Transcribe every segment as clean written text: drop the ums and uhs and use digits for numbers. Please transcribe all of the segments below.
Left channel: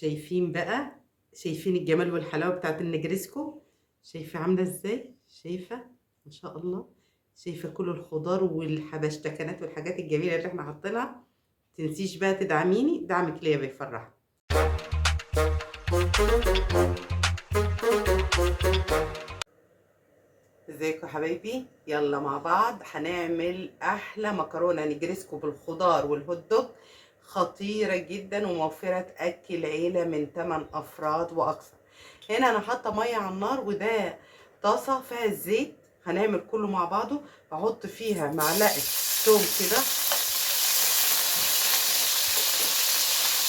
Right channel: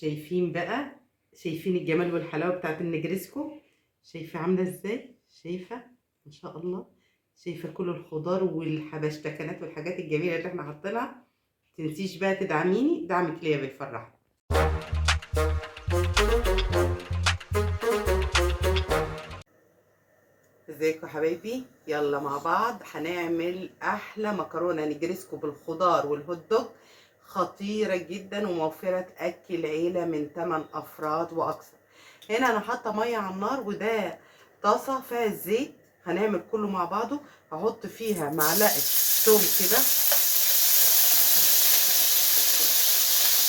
شايفين بقى، شايفين الجمال والحلاوة بتاعت النجريسكو؟ شايفة عاملة ازاي؟ شايفة ما شاء الله؟ شايفة كل الخضار والحبشتكنات والحاجات الجميلة اللي احنا حاطينها؟ تنسيش بقى تدعميني، دعمك ليا بيفرحني. ازيكم يا حبايبي؟ يلا مع بعض هنعمل احلى مكرونه نجريسكو بالخضار والهوت دوج، خطيره جدا وموفره تاكل عيله من 8 افراد واكثر. هنا انا حاطه ميه على النار، وده طاسه فيها الزيت. هنعمل كله مع بعضه. هحط فيها معلقه توم كده،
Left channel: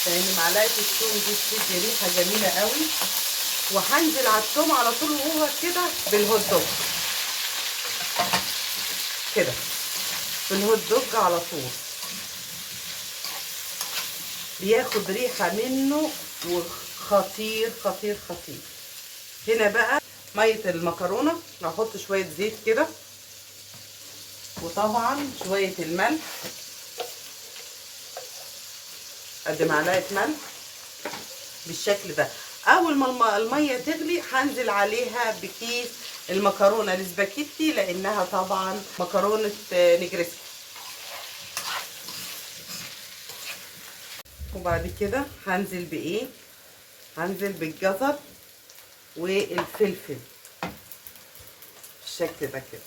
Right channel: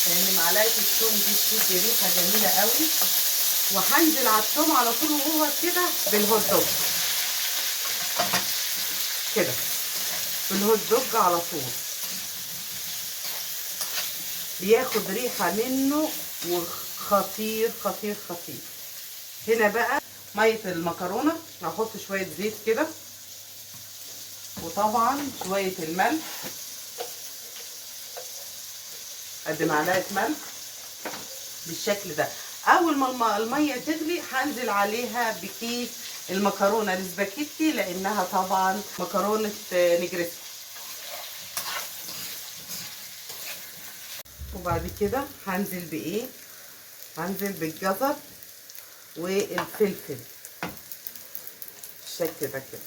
لان معلقه التوم دي بتدي ريحه جميله قوي. وهنزل على التوم على طول وهو كده بالهوت دوج كده، بالهوت دوج على طول بياخد ريحه منه وخطير خطير خطير. هنا بقى ميه المكرونه، هحط شويه زيت كده، وطبعا شويه الملح، قد معلقه ملح بالشكل ده. اول ما الميه تغلي هنزل عليها بكيس المكرونه الاسباجيتي، لانها طبعا مكرونه نجريسكو. وبعد كده هنزل بايه؟ هنزل بالجزر والفلفل بالشكل ده كده.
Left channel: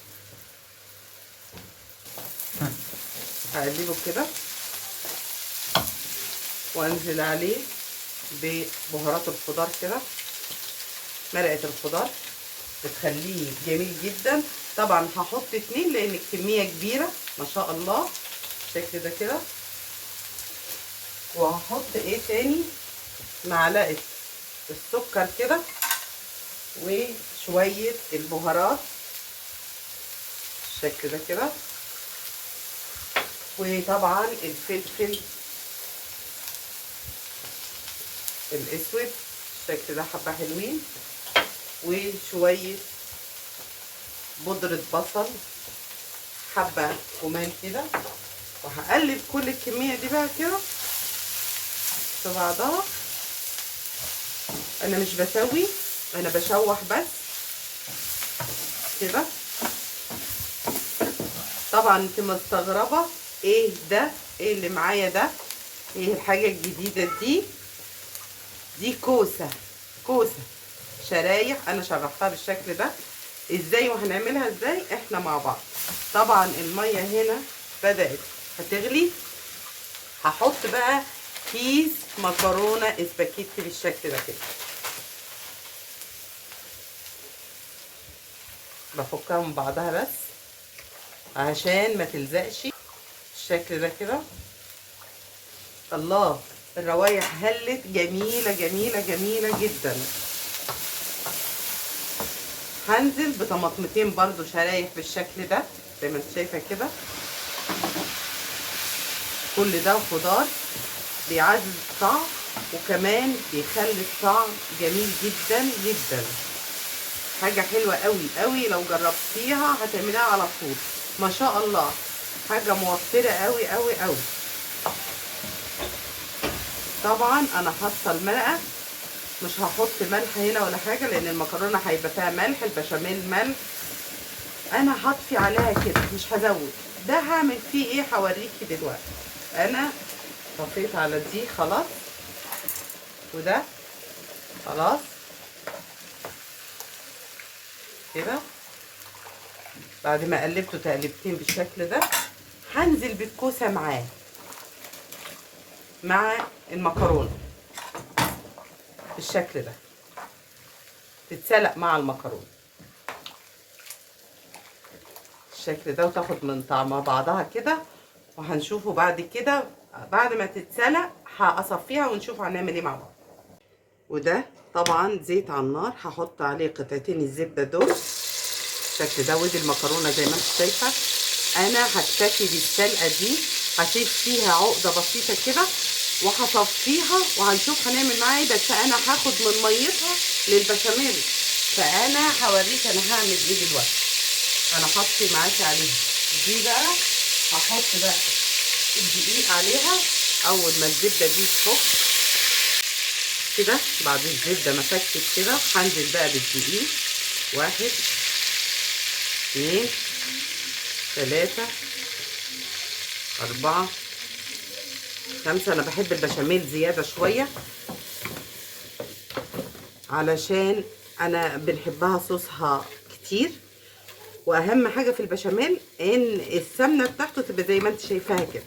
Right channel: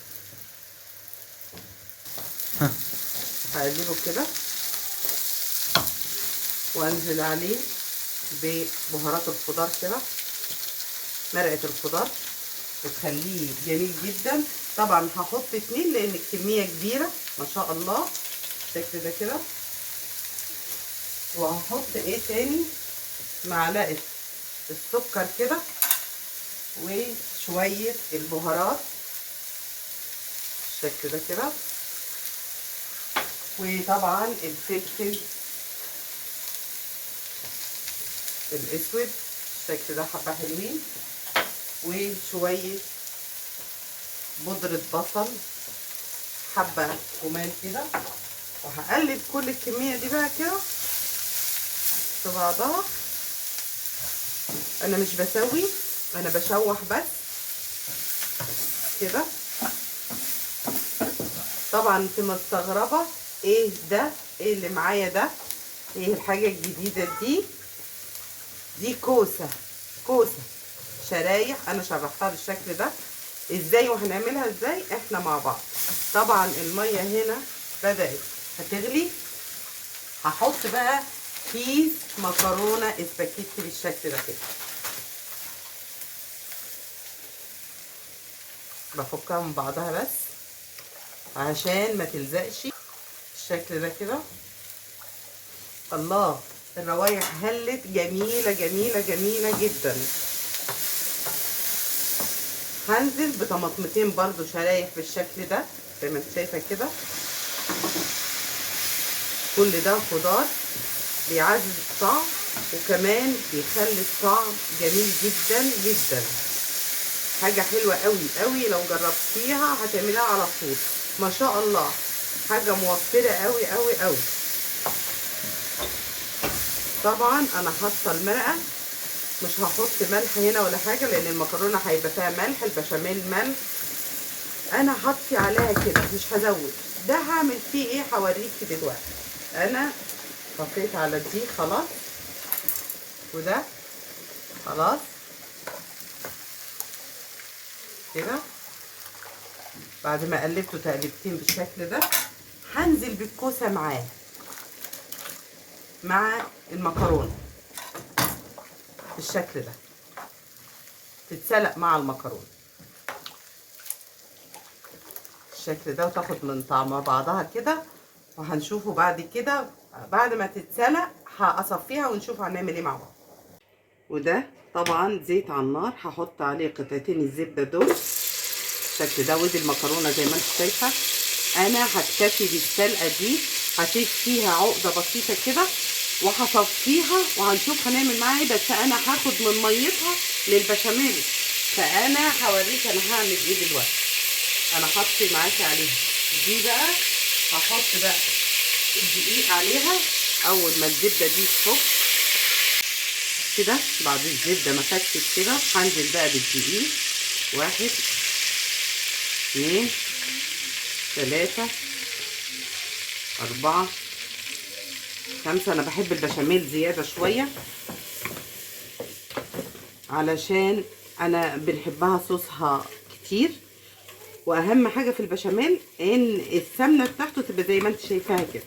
هقلبه كده وانزل عليه ببهارات الخضار كده. مرقه الخضار بتخليه جميل جدا. طبعا هحط 2 لان الكميه كبيره ما شاء الله بالشكل ده كده. وهحط ايه تاني؟ معلقه السكر كده، وشويه البهارات بالشكل ده كده، وطبعا الفلفل الاسود بالشكل ده حبه حلوين، وشويه بودره بصل حبه كمان كده. وهقلب كل الكميه دي بقى كده في بعضها. انا مش بسوي، انا بشوح بس كده. طبعا انت مستغربه ايه ده؟ ايه اللي معايا ده؟ ايه الحاجه الجديده دي؟ دي كوسه شرايح، انا شرحتها بالشكل ده ازاي وهنعملها ازاي احنا مع بعض. طبعا الميه هنا بدات هتغلي. هحط بقى كيس مكرونه اسباجيتي بالشكل ده كده. بفكها من بعضها بس عشان ما تلزقش بالشكل ده كده. الله، الروايح هلت جميله جميله جميله جدا. هنزل بطماطمتين برضو شرايح بالشكل ده زي ما انت شايفه كده. كل ده خضار بيعزز الطعم، وكمان بيخلي الطعم جميل جدا جدا. حاجه حلوه قوي قوي، لو جربتيها هتعمليها على طول ما شاء الله. حاجه موفره قوي قوي قوي. طبعا انا حاطه المرقه، مش هحط ملح هنا ولا حاجه لان المكرونه هيبقى فيها ملح، البشاميل ملح. انا هطفي عليها كده مش هزود. ده هعمل فيه ايه هوريكي دلوقتي. انا طفيت على دي خلاص، وده خلاص كده. بعد ما قلبته تقلبتين بالشكل ده، هنزل بالكوسه معاه مع المكرونه بالشكل ده، تتسلق مع المكرونه بالشكل ده وتاخد من طعم بعضها كده. وهنشوفه بعد كده بعد ما تتسلق هصفيها ونشوف هنعمل ايه مع بعض. وده طبعا زيت على النار، هحط عليه قطعتين الزبده دول بالشكل ده. ودي المكرونه زي ما انت شايفه. انا هكتفي بالسلقه دي، هسيب فيها عقده بسيطه كده وهصفيها وهنشوف هنعمل معاها ايه. بس انا هاخد من ميتها للبشاميل، فانا هوريك انا هعمل ايه دلوقتي. انا حطي معاكي عليها دي بقى. هحط بقى الدقيق عليها اول ما الزبده دي تفك كده بعد الزبده ما فتت كده هنزل بقى بالدقيق. 1 2 3 4 5. انا بحب البشاميل زياده شويه علشان انا بنحبها صوصها كتير، واهم حاجه في البشاميل ان السمنه بتاعته تبقى زي ما انت شايفاها كده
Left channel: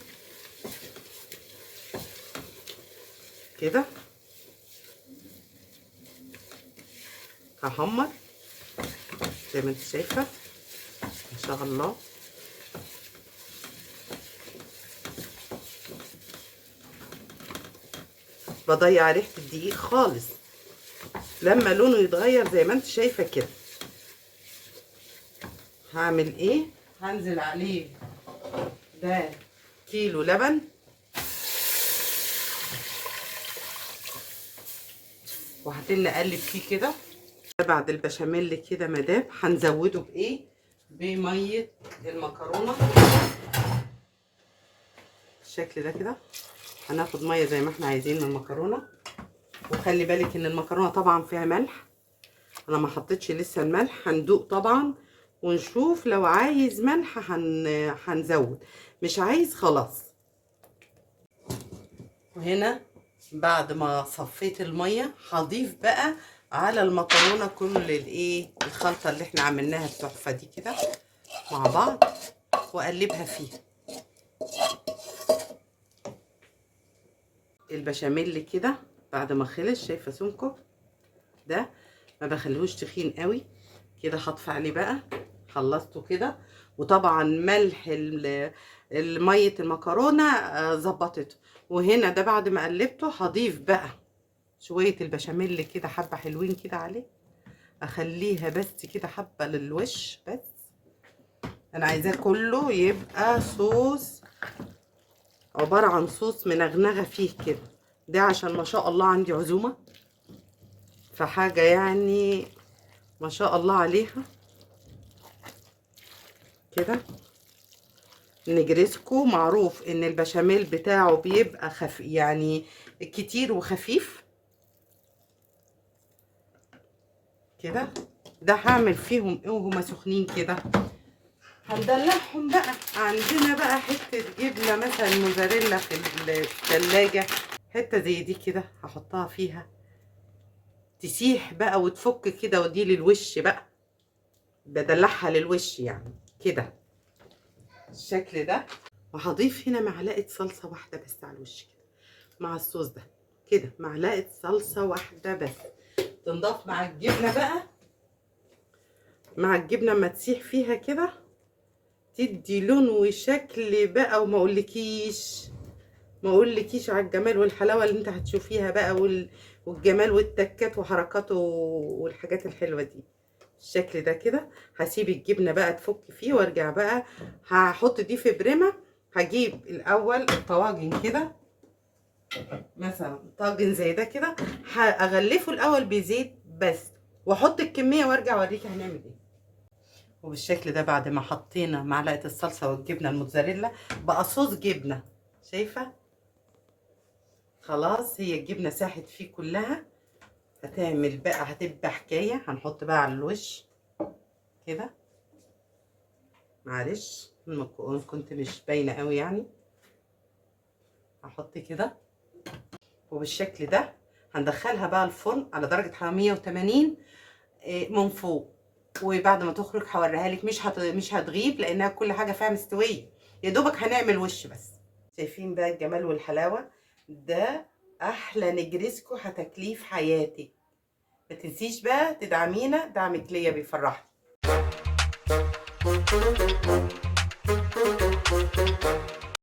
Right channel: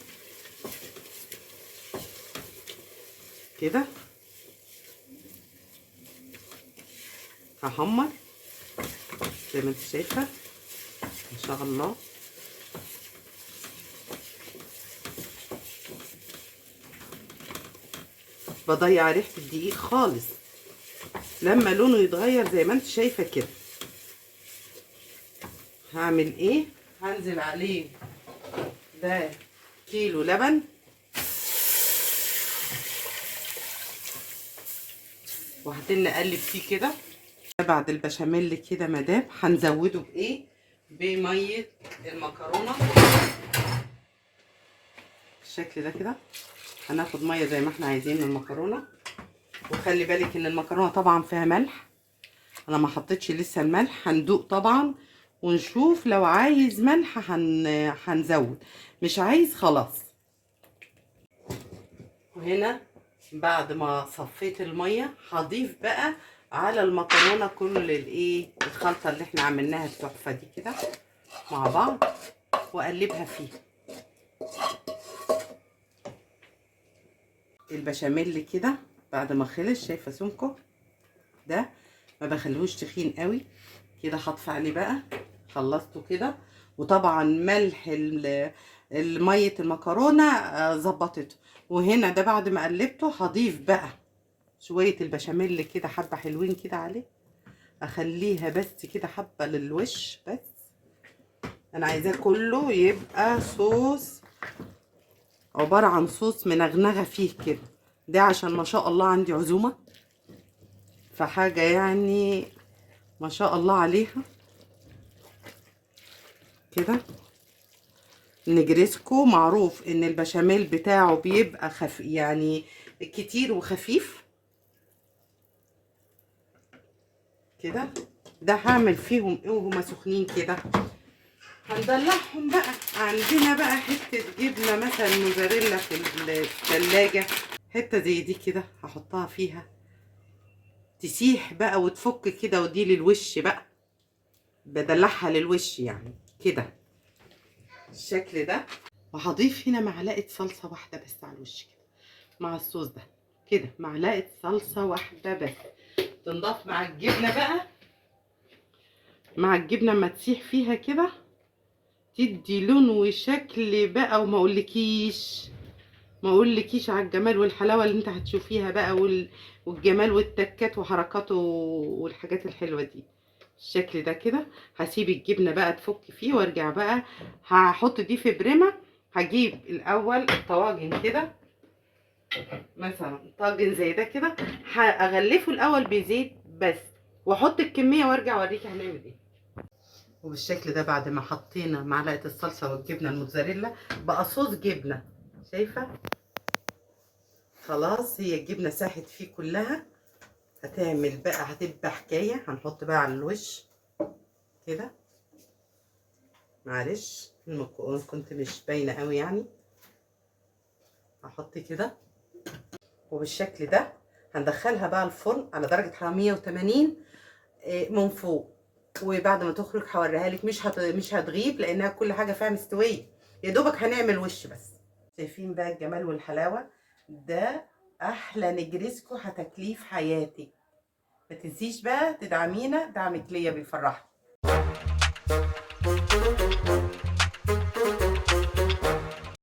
كده. هحمر زي ما انت شايفه ان شاء الله. بضيع ريحه الدقيق خالص لما لونه يتغير زي ما انت شايفه كده. هعمل ايه؟ هنزل عليه ده كيلو لبن، وهتن نقلب فيه كده. بعد البشاميل كده مدام هنزوده بايه؟ بميه المكرونه بالشكل ده كده. هناخد ميه زي ما احنا عايزين من المكرونه، وخلي بالك ان المكرونه طبعا فيها ملح، انا ما حطيتش لسه الملح. هندوق طبعا ونشوف، لو عايز ملح هنزود، مش عايز خلاص. وهنا بعد ما صفيت الميه هضيف بقى على المكرونه كل الايه الخلطه اللي احنا عملناها التحفه دي كده مع بعض، واقلبها فيه. البشاميل كده بعد ما خلص، شايفه سمكه ده؟ ما بخليهوش تخين قوي كده. هطفي عليه بقى، خلصته كده. وطبعا ملح ميه المكرونه ظبطته. وهنا ده بعد ما قلبته هضيف بقى شويه البشاميل كده، حبه حلوين كده عليه، اخليها بس كده حبه للوش بس. انا عايزاه كله يبقى صوص، عباره عن صوص منغنغه فيه كده. ده عشان ما شاء الله عندي عزومه، فحاجه يعني ما شاء الله عليها كده. نجريسكو معروف ان البشاميل بتاعه بيبقى يعني كتير وخفيف كده. ده هعمل فيهم ايه وهما سخنين كده؟ هندلعهم بقى. عندنا بقى حته جبنه مثلا موزاريلا في الثلاجه، حته زي دي كده هحطها فيها تسيح بقى وتفك كده، ودي للوش بقى، بدلعها للوش يعني كده الشكل ده. وهضيف هنا معلقه صلصه واحده بس على الوش كده مع الصوص ده كده، معلقه صلصه واحده بس تنضاف مع الجبنه بقى. مع الجبنه اما تسيح فيها كده تدي لون وشكل بقى، وما اقولكيش على الجمال والحلاوه اللي انت هتشوفيها بقى، والجمال والتكات وحركاته والحاجات الحلوه دي الشكل ده كده. هسيب الجبنه بقى تفك فيه وارجع بقى هحط دي في بريمه. هجيب الاول الطواجن كده، مثلا طاجن زي ده كده، هغلفه الاول بزيت بس، واحط الكميه وارجع اوريكي هنعمل ايه. وبالشكل ده بعد ما حطينا معلقه الصلصه والجبنه الموتزاريلا بقى صوص جبنه، شايفه؟ خلاص هي الجبنه ساحت فيه كلها. هتعمل بقى هتبقى حكايه. هنحط بقى على الوش كده، معلش كنت مش باينه قوي يعني. هحط كده وبالشكل ده. هندخلها بقى الفرن على درجه حراره 180 من فوق، وبعد ما تخرج هوريها لك. مش هتغيب لانها كل حاجه فيها مستويه، يا دوبك هنعمل وش بس. شايفين بقى الجمال والحلاوه؟ ده احلى نجريسكو هتاكليه في حياتك. ما تنسيش بقى تدعمينا، دعمك ليا بيفرحني.